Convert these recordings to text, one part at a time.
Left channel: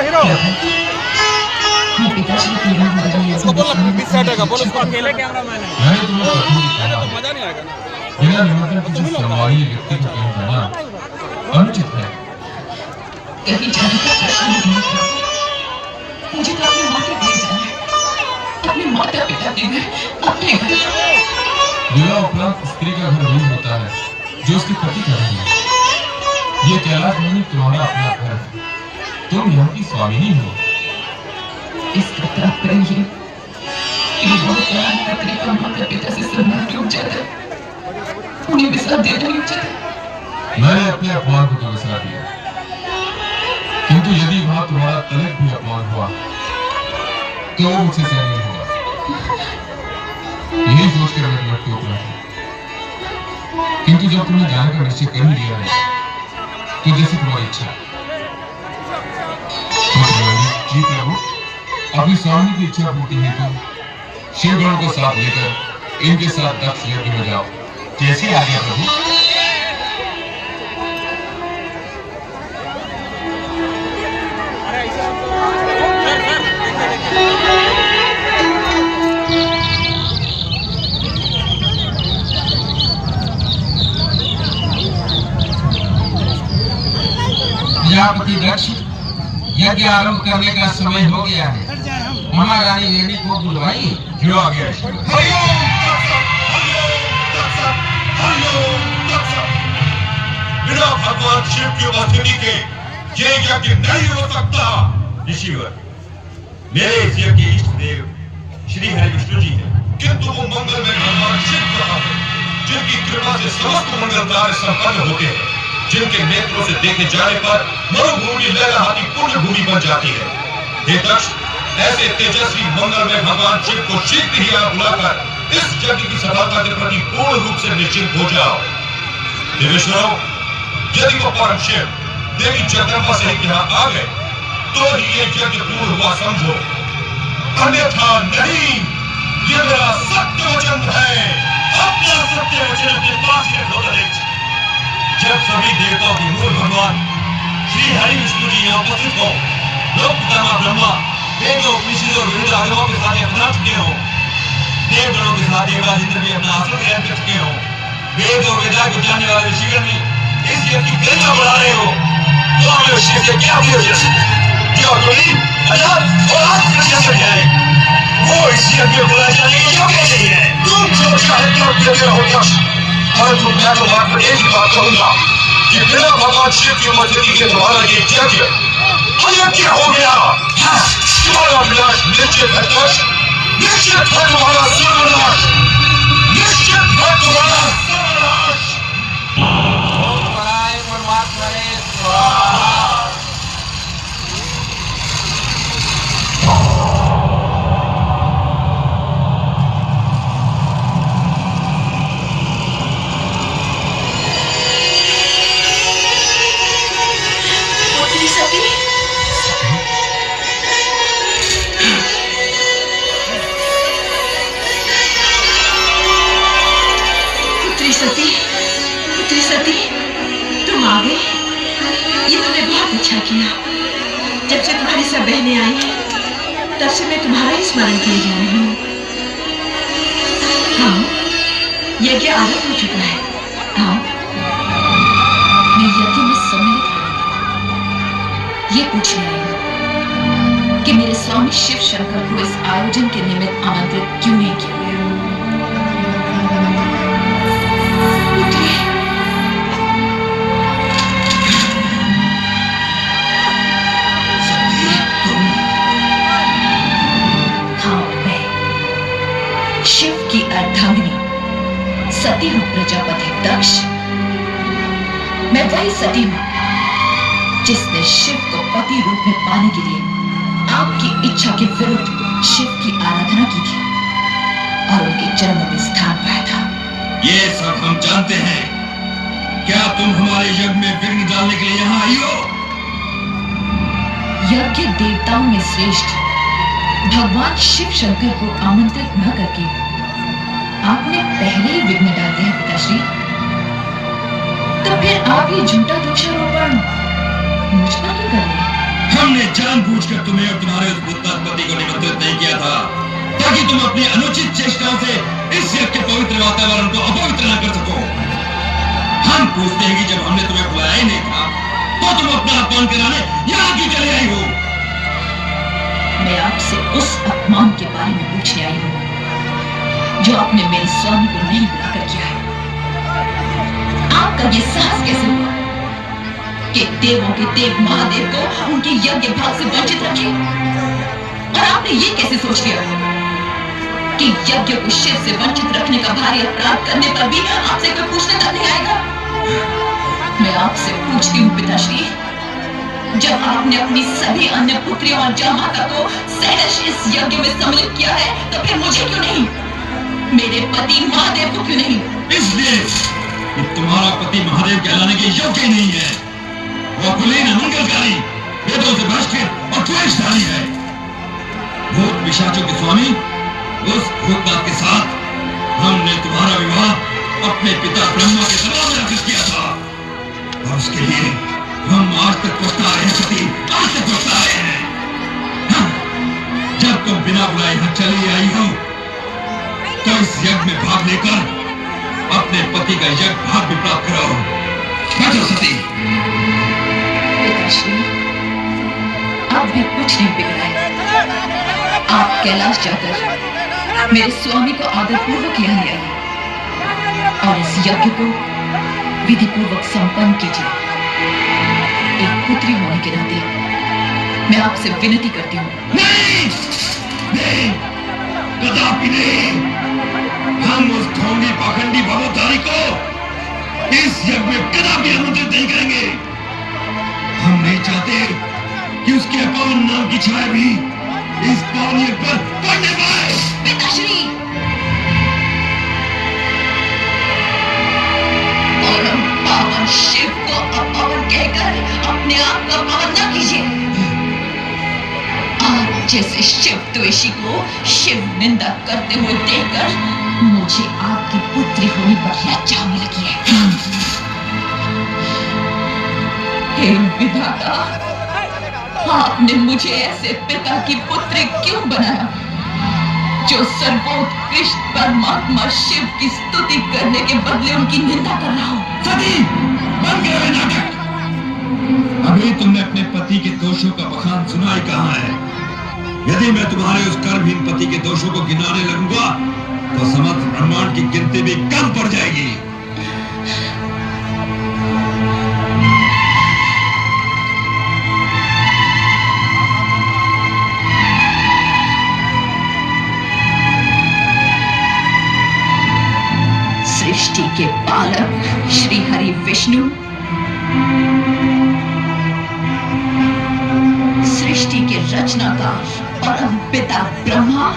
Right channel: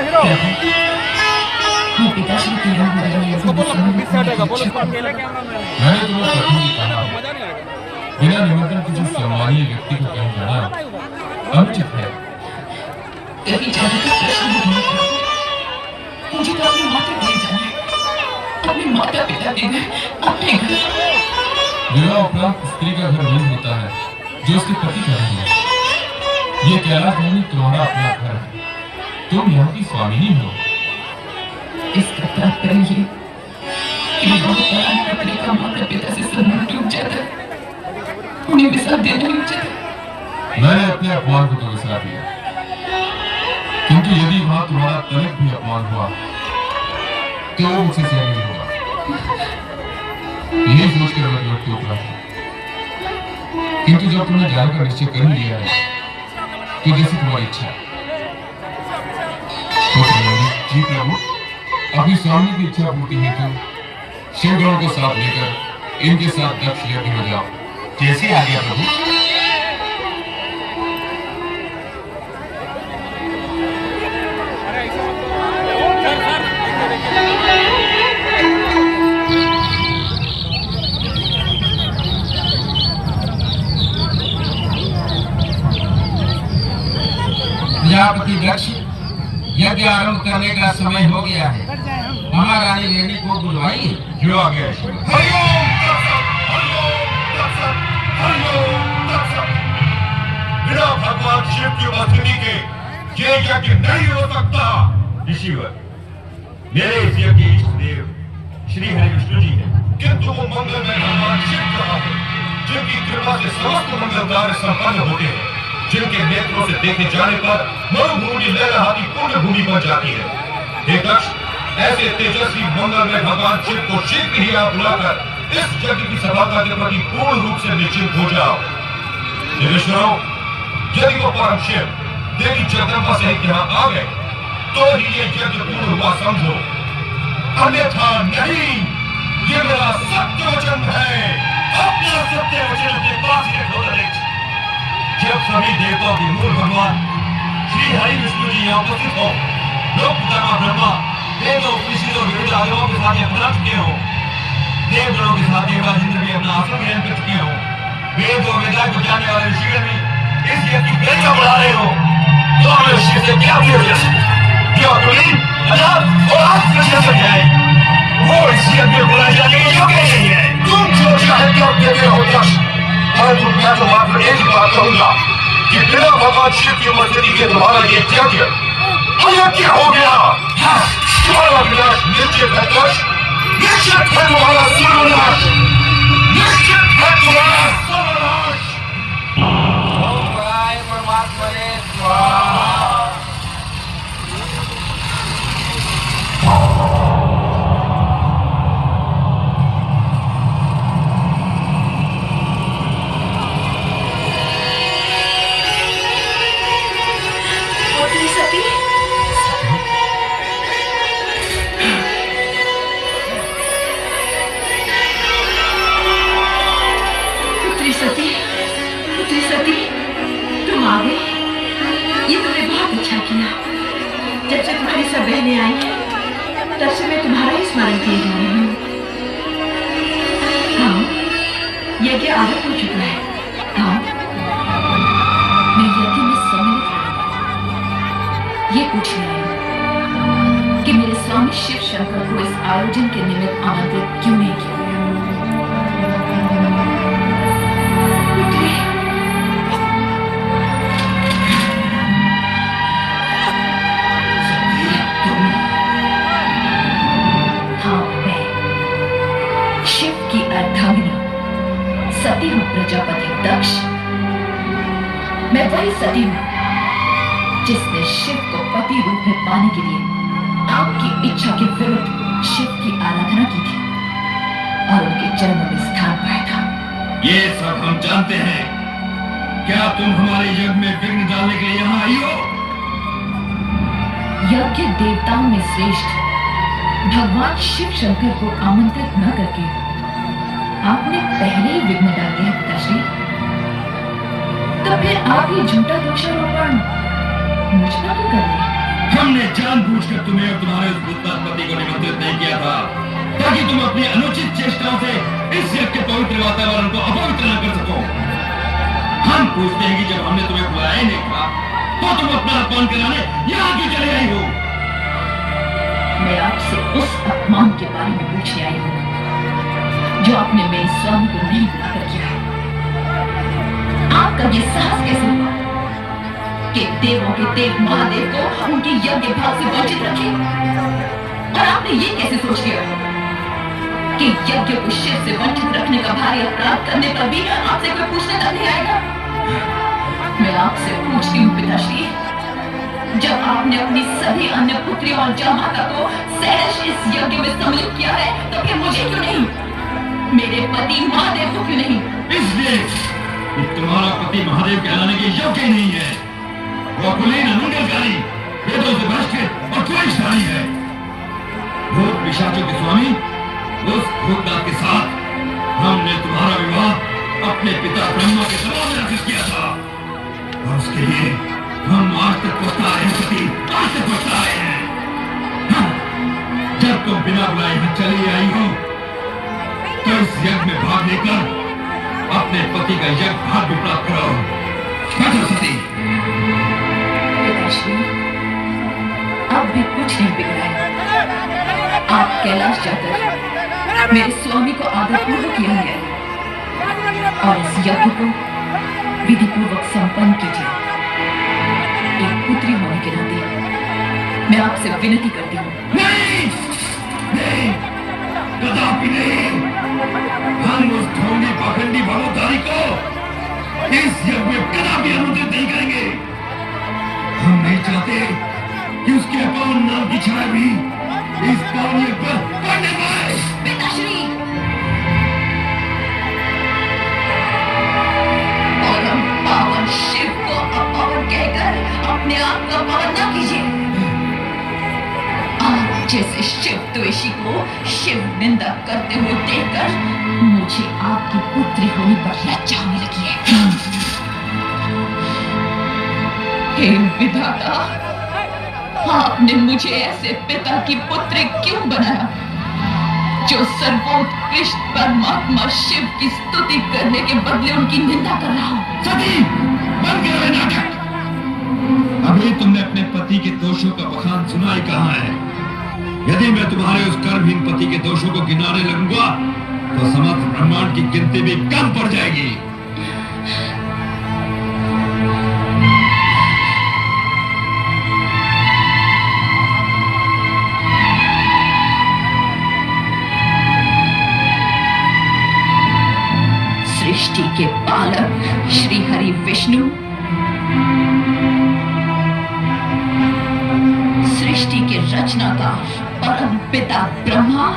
क्या है? मैं पिताश्री की राह बदलने उसको बोल समय बीच साइड आएगा, बोल उसको अकेले कैमरा मैन है। मैंने तुम्हें कभी भी कहा मजा नहीं आएगा। बिना निमंत्रण किसी सम्मानीय व्यक्ति को कहीं जाना अनुचित है। कहीं जाने का प्रश्न ही नहीं था। मुझे तो अपने माता घर जाना है, अपने माता पिता के घर, अपने घर। विवाह उपरांत स्त्री का घर वही होता है जो उसके पति का घर है। ये कैलाश नहीं तुम्हारा अपना घर है, तुम यहाँ की स्वामिनी हो। इसका तात्पर्य ये कि बहुत बड़ा मैं अपने माता पिता से सम्मान रुक जाता, उन्हें विश्राम देना रुक जाता। मैंने अपने अपमान को तो विसरा दिया, किंतु यदि वहां तुम्हारा तनिक भी अपमान हुआ तो मुझसे सहन नहीं होगा। यही सोच कर मैं लौट के उतरा था, किंतु जब तुमने जाने का निश्चय कर ही लिया है तो जैसे तुम्हारी इच्छा। जी प्रभु, अपनी स्वामी की इच्छा पूर्ति हेतु शिवगणों को साथ लेकर इनके साथ दक्ष यज्ञ में जाओ। जैसे आ गया प्रभु। अरे ऐसे मत करो सर, सर देखिए प्रजापति दक्ष, यज्ञ आरंभ करने का समय हो गया है। महारानी वेणी को बुलवाइए। जो आ गया बिना भगवान शिव की उपस्थिति के ये यज्ञ नहीं हो सकता। ऋषिवर, मेरे इस यज्ञ के इष्ट देव श्री हरि विष्णु जी हैं, किंतु वो मंगल में भगवान शिव कहाँ है, जिनकी कृपा से समस्त मंगल कार्य संपन्न होते हैं, जिनके नेत्रों से देखे जाने पर मरुभूमि लहलहाती पूर्ण भूमि बन जाती है। हे दक्ष, ऐसे तेजस्वी मंगल में भगवान शिव को शीघ्र ही आप बुलाकर इस यज्ञ की सफलता के प्रति पूर्ण रूप से निश्चिंत हो जाओ। देवेश्वरों, यदि वो परम शिव देवी जगदम्बा सहित यहाँ आ गए तो ही ये यज्ञ पूर्ण हुआ समझो, अन्यथा नहीं। ये मेरा सत्य वचन है, अपना सत्य वचन के पास रखो। जब सभी देवताओं के मूल भगवान श्री हरि विष्णु जी यहाँ उपस्थित हो, लोक पितामह ब्रह्मा वेदों उपनिषदों और वेद आगमों के साथ अपना चुके हो, देवगणों के साथ देवराज इंद्र भी अपना आसन ग्रहण कर चुके हो, वेद और वेदांग को जानने वाले ऋषिगण भी इस यज्ञ की गरिमा बढ़ा रहे हो, तो हमें शिव से क्या पूछ क्या तुम्हें अजात और आत्मविश्वास है? वो इस यज्ञ को बुलाने के योग्य नहीं है। तुम जो चाहे तो देते रहो दक्ष, परंतु मैं तो मात्र एक ही बात कहूंगा कि बिना भगवान शिव की उपस्थिति के तुम्हारा ये यज्ञ अयोग्य हो गया। तुम्हारा विनाश निश्चित है दक्ष, निश्चित है तुम्हारा सर्वनाश, निश्चित है तुम्हारा सर्वनाश। ओम पराय परमात्मने स्वाहा। पुत्री सती, तुम आ गई। ये तुमने बहुत अच्छा किया। जब से तुम्हारी सब बहनें आई तब से मैं तुम्हारा ही स्मरण किए जा रही हूँ। हाँ, यज्ञ आरंभ हो चुका है। हाँ, मैं यज्ञ में सम्मिलित ये पूछने आई हूँ कि मेरे स्वामी शिव शंकर को इस आयोजन के निमित्त आमंत्रित क्यों नहीं किया गया? सती हूँ प्रजापति दक्ष। मैं वही सती हूँ जिसने शिव को पति रूप में पाने के लिए आपकी इच्छा के विरुद्ध शिव की आराधना की थी और उनके चरणों में स्थान पाया था। ये सब हम जानते हैं। क्या तुम हमारे यज्ञ में विघ्न डालने के लिए यहाँ आई हो? यज्ञ देवताओं में श्रेष्ठ भगवान शिव शंकर को आमंत्रित न करके आपने पहले ही विघ्न डाल दिया पिताश्री। तो फिर आप ये झूठा दोषारोपण मुझ पर क्यों कर रहे हैं? हमने जानबूझकर तुम्हें और तुम्हारे उस भूतनाथ पति को निमंत्रित नहीं किया था ताकि तुम अपनी अनुचित चेष्टाओं से इस यज्ञ के पवित्र वातावरण को अपवित्र न कर सको। हम पूछते हैं कि जब हमने तुम्हें बुलाया ही नहीं था तो तुम अपना अपमान कराने यहाँ क्यों चले आई हो? मैं आपसे उस अपमान के बारे में पूछने आई हूँ जो आपने मेरे स्वामी को नहीं बुलाकर किया है। आपका ये साहस कैसे हुआ कि देवों के देव महादेव को उनके यज्ञ भाव से वंचित रखे? और आपने ये कैसे सोच लिया कि यज्ञ को शिव से वंचित रखने का भारी अपराध करने पर भी आपसे कोई पूछने तक नहीं आएगा? मैं आपसे पूछती हूँ पिताश्री, जब आपने अपनी सभी अन्य पुत्रियों और जामाता को सहर्ष इस यज्ञ में सम्मिलित किया है तो फिर मुझे क्यों नहीं? मेरे पति महादेव को क्यों नहीं? इसलिए कि तुम्हारा पति महादेव कहलाने के योग्य ही नहीं है। वो कुलीन अमंगलकारी, वेदों से भ्रष्ट और क्लेशधारी है। भूत पिशाचों के स्वामी उस भूतनाथ के साथ हमने तुम्हारा विवाह अपने पिता ब्रह्मा के दबाव में आकर किया था और उसके लिए हम आज तक पछताए हैं पति, आज तक पछताए हैं। हाँ, जब तुम बिना बुलाए यहाँ चली आई हो तो इस यज्ञ में भाग लेकर अपने पति का यज्ञ भाग भी प्राप्त करो। बैठो सती। पिताश्री, आप भी कुछ नहीं बिगड़ा है। आप कैलाश जाकर मेरे स्वामी को आदरपूर्वक यहाँ ले आइए और इस यज्ञ को विधिपूर्वक संपन्न कीजिए। एक पुत्री होने के नाते मैं आपसे विनती करती हूँ। नहीं, नहीं, कदापि नहीं। हम उस ढोंगी पाखंडी भवोद्धारी को इस यज्ञ में कदापि आमंत्रित नहीं करेंगे। हम नहीं चाहते कि उसके अपमान नाम की छाया भी इस पावन यज्ञ पर पड़ने पाए। पिताश्री, परम पावन शिव को अपमान कहकर अपने आप को अपमान न कीजिए। आप जैसे शिव द्वेषी को शिव निंदा करते हुए देखकर मुझे आपकी पुत्री होने पर लज्जा होने लगी है। हे विधाता, आपने मुझे ऐसे पिता की पुत्री क्यों बनाया जो सर्वोत्कृष्ट परमात्मा शिव की स्तुति करने के बदले उनकी निंदा कर रहा हो? सती, बंद करो ये नाटक। अभी तुमने अपने पति के दोषों का बखान सुना ही कहाँ है? यदि मैं तुम्हारे उस कर्महीन पति के दोषों को गिनाने लगूंगा तो समस्त ब्रह्मांड की गिनती भी कम पड़ जाएगी। सृष्टि के पालक श्री हरि विष्णु, सृष्टि के रचनाकार परम पिता ब्रह्मा,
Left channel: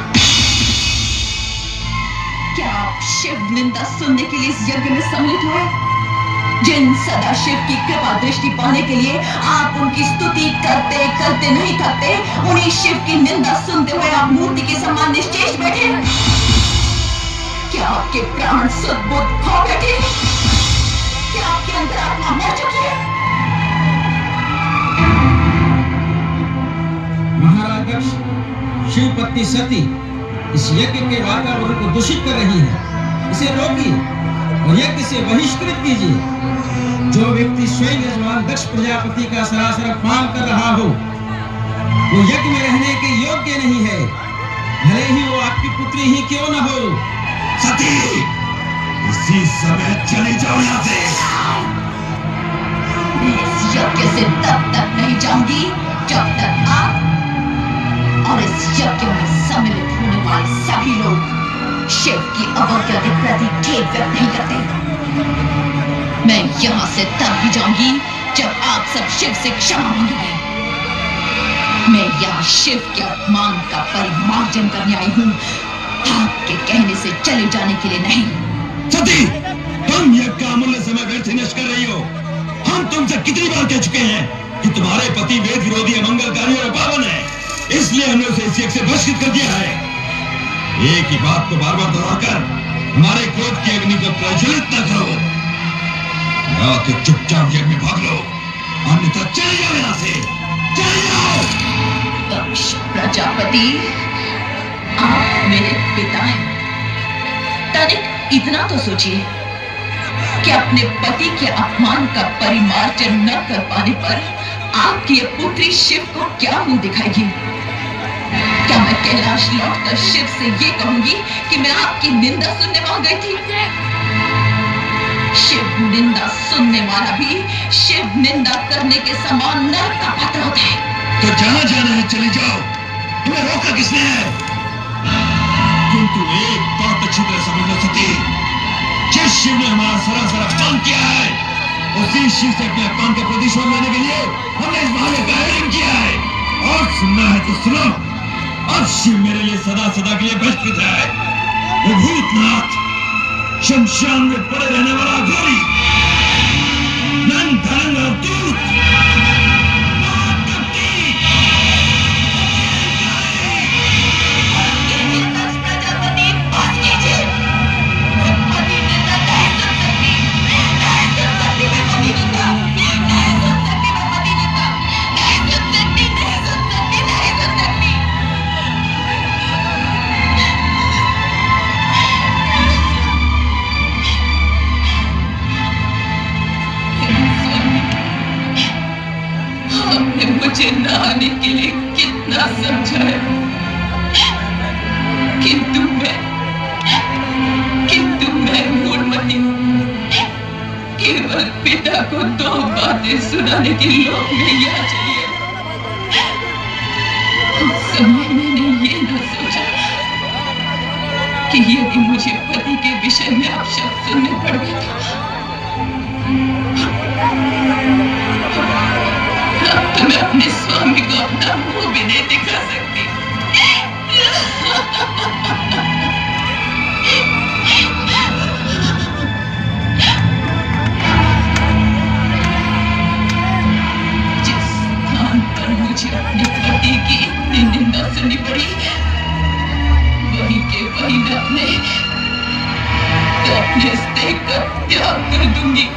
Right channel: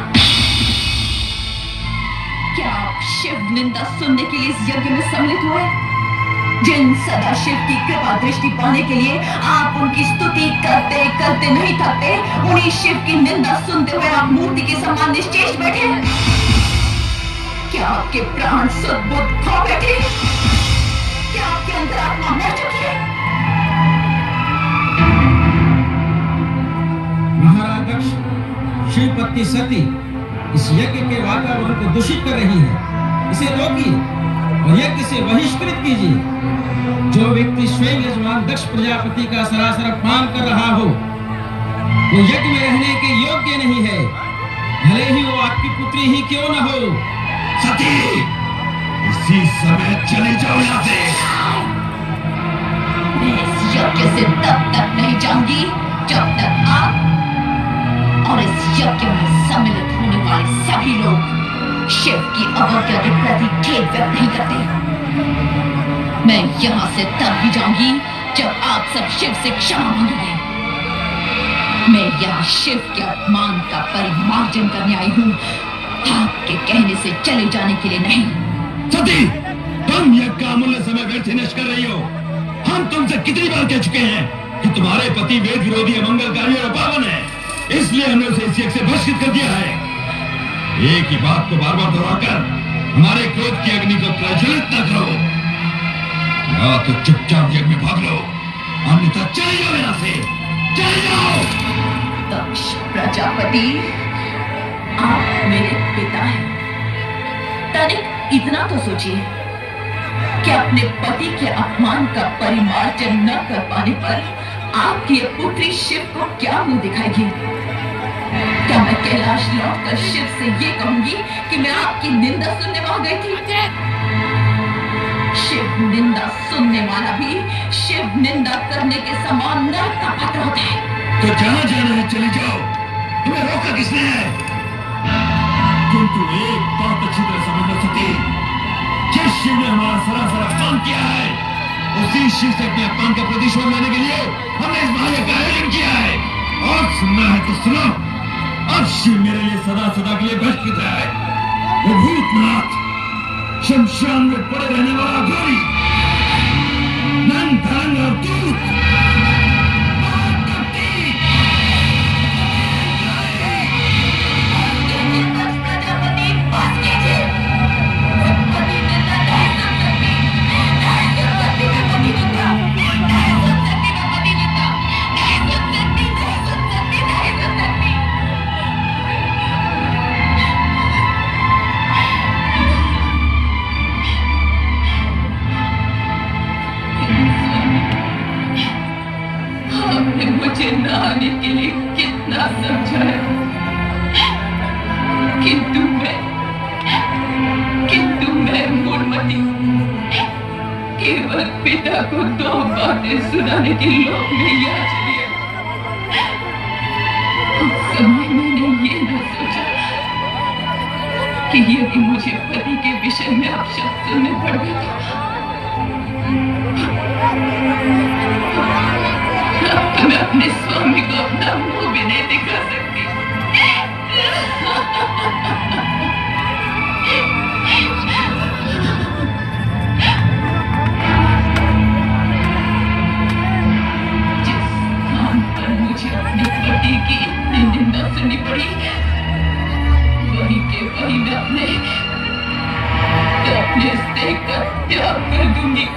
क्या आप शिव निंदा सुनने के लिए इस यज्ञ में सम्मिलित हुए? जिन सदा शिव की कृपा दृष्टि पाने के लिए आप उनकी स्तुति करते करते नहीं थकते, उन्हीं शिव की निंदा सुनते हुए आप मूर्ति के समान निश्चेष बैठे। क्या आपके प्राण सद्बुद्ध खो बैठे? क्या आपके अंदर आत्मा मर चुकी है? महाराज दक्ष, शिव पत्नी सती इस यज्ञ के वातावरण को दूषित कर रही है। इसे रोकिए और यज्ञ से बहिष्कृत कीजिए। जो व्यक्ति स्वयं यजमान दक्ष प्रजापति का सरासर अपमान कर रहा हो वो यज्ञ में रहने के योग्य नहीं है, भले ही वो आपकी पुत्री ही क्यों न हो। सती, इसी समय चले जाओ यहाँ से। मैं इस यज्ञ से तब तक नहीं जाऊंगी जब तक आप और इस यज्ञ में सम्मिलित होने वाले सभी लोग शिव की अवज्ञा के प्रति खेद व्यक्त नहीं करते। मैं यहाँ से तब ही जाऊंगी जब आप सब शिव से क्षमा मांगेंगे। मैं यहाँ शिव के अपमान का परिमार्जन करने आई हूँ, आपके कहने से चले जाने के लिए नहीं। सती, तुम यज्ञ का अमूल्य समय व्यर्थ नष्ट कर रही हो। हम तुमसे कितनी बार कह चुके हैं कि तुम्हारे पति वेद विरोधी, अमंगलकारी और अपावन है, इसलिए हमने उसे इस यज्ञ से बहिष्कृत कर दिया है। एक ही बात को बार बार दोहराकर हमारे क्रोध की अग्नि को प्रज्वलित न करो। या तो चुपचाप यज्ञ में भाग लो, अन्यथा चले जाओ यहाँ से, चले जाओ। प्रजापति, आप मेरे पिता हैं। तनिक इतना तो सोचिए कि अपने पति के अपमान का परिमार्जन न कर पाने पर आपकी ये पुत्री शिव को क्या मुंह दिखाएगी? क्या मैं कैलाश लौटकर शिव से ये कहूंगी कि मैं आपकी निंदा सुनने वहां गई थी? शिव निंदा सुनने वाला भी शिव निंदा करने के समान नरक का पात्र होता है। तो जहां जाना है चले जाओ, तुम्हें रोका किसने है? किंतु एक बात अच्छी तरह समझ लो सती, जिस शिव ने हमारा सरासर अपमान किया है, उसी शिव से अपने अपमान का प्रतिशोध लेने के लिए हमने इस बहाने का आयोजन किया है। और सुनना है तो सुनो, अब शिव मेरे लिए सदा सदा के लिए बहिष्कृत है। वो भूतनाथ, शमशान में पड़े रहने वाला घोरी, नंग धरंग और दूत, मुझे नहाने के लिए कितना समझाया, किंतु मैं मूढ़मती केवल पिता को दो बातें सुनाने के लोभ में यहाँ चली आई। उस समय मैंने ये न सोचा कि यदि मुझे पति के विषय में अपशब्द सुनने पड़े तो मैं अपने स्वामी को अपना मुंह भी नहीं दिखा सकती। जिस स्थान पर मुझे अपने पति की इतनी निंदा सुननी पड़ी, वहीं के वहीं मैं अपने इस देह का त्याग कर दूंगी।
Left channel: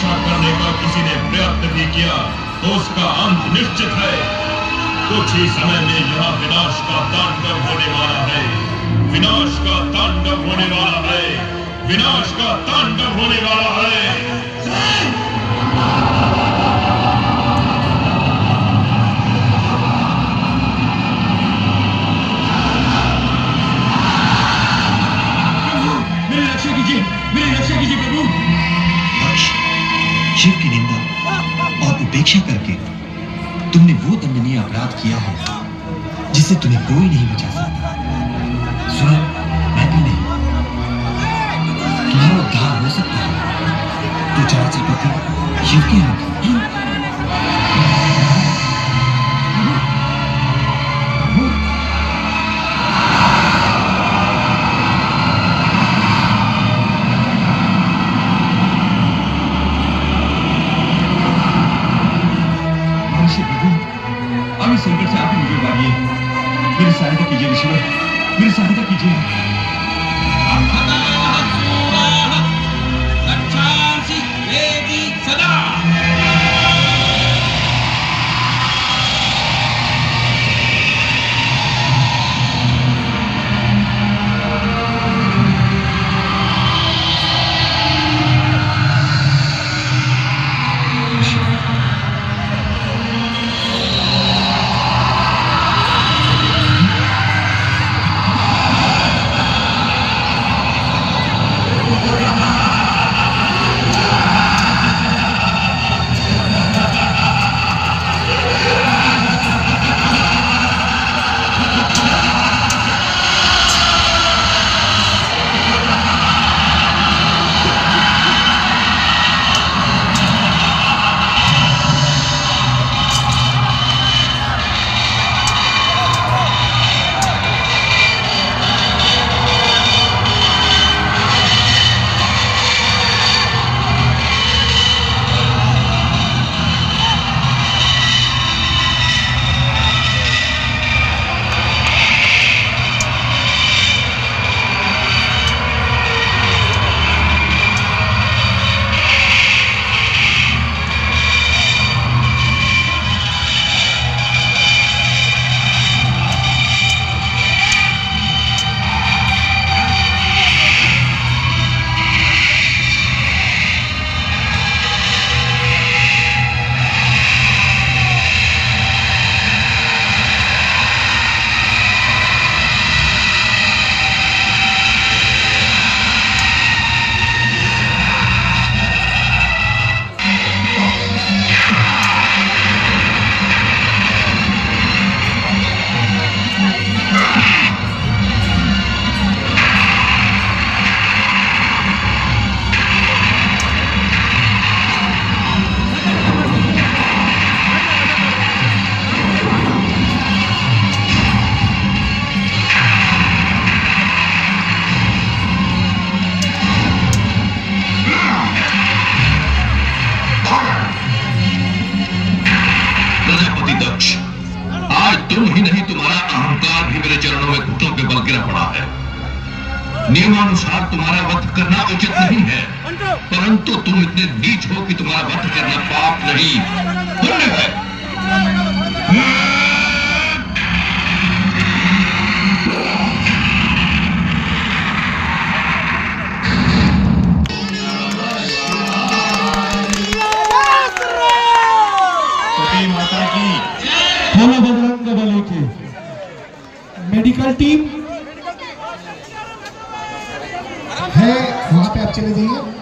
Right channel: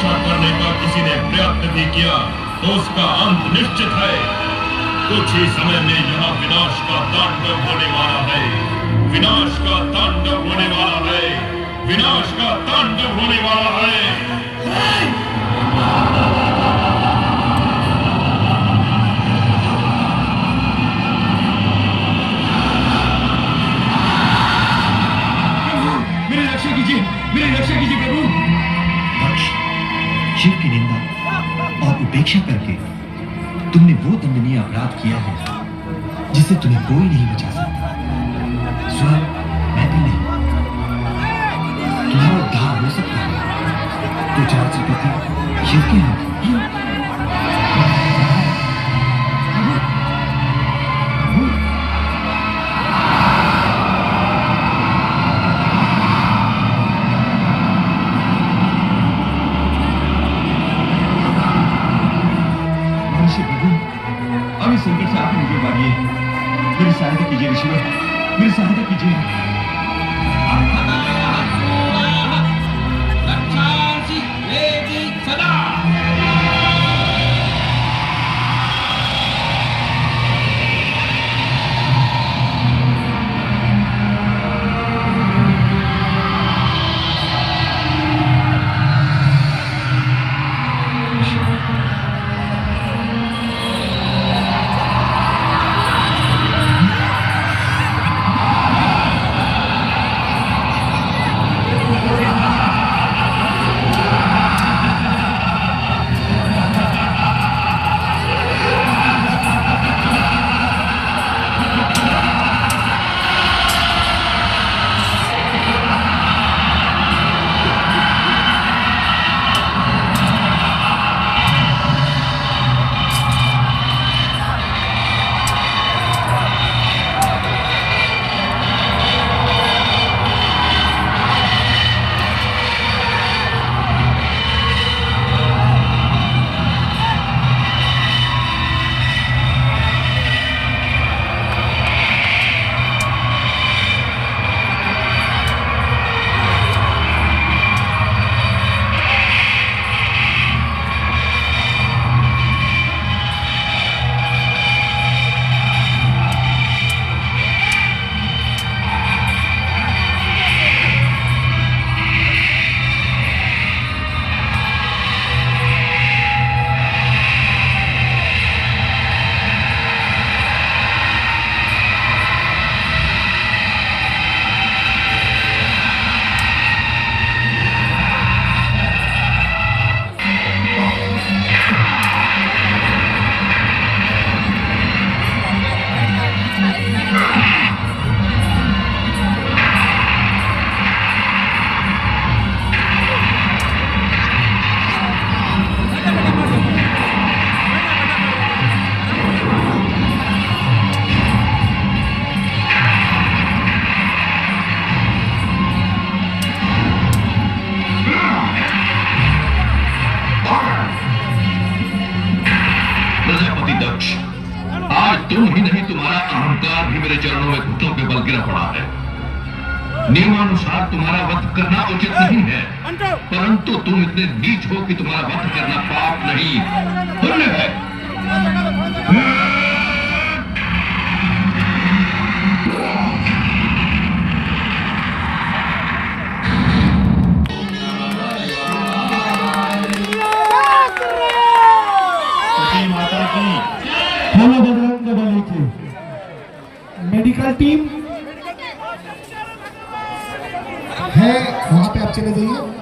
रक्षा करने का किसी ने प्रयत्न भी किया तो उसका अंत निश्चित है। कुछ ही समय में यहाँ विनाश का तांडव होने वाला है। विनाश का तांडव होने वाला है। विनाश का तांडव होने वाला है। मेरी रक्षा कीजिए प्रभु। दक्ष, शिव की निंदा और उपेक्षा करके तुमने वो दंडनीय अपराध किया है जिससे तुम्हें कोई नहीं बचा सकता। स्वयं मैं भी नहीं। तुम्हारा उद्धार हो सकता है तो चराचर पति शिव के हाथ में। संकट से आप मुझे उबारिए। मेरी सहायता कीजिए ईश्वर, मेरी सहायता कीजिए। तुम ही नहीं तुम्हारा अहंकार भी मेरे चरणों में घुटनों के बल गिरा पड़ा है। नियमानुसार तुम्हारा वध करना उचित नहीं है, परंतु तुम इतने नीच हो कि तुम्हारा वध करना पाप नहीं पुण्य है। माता की बोलो बजरंग बली की। मेडिकल टीम है वहां पे आप चले जाइए।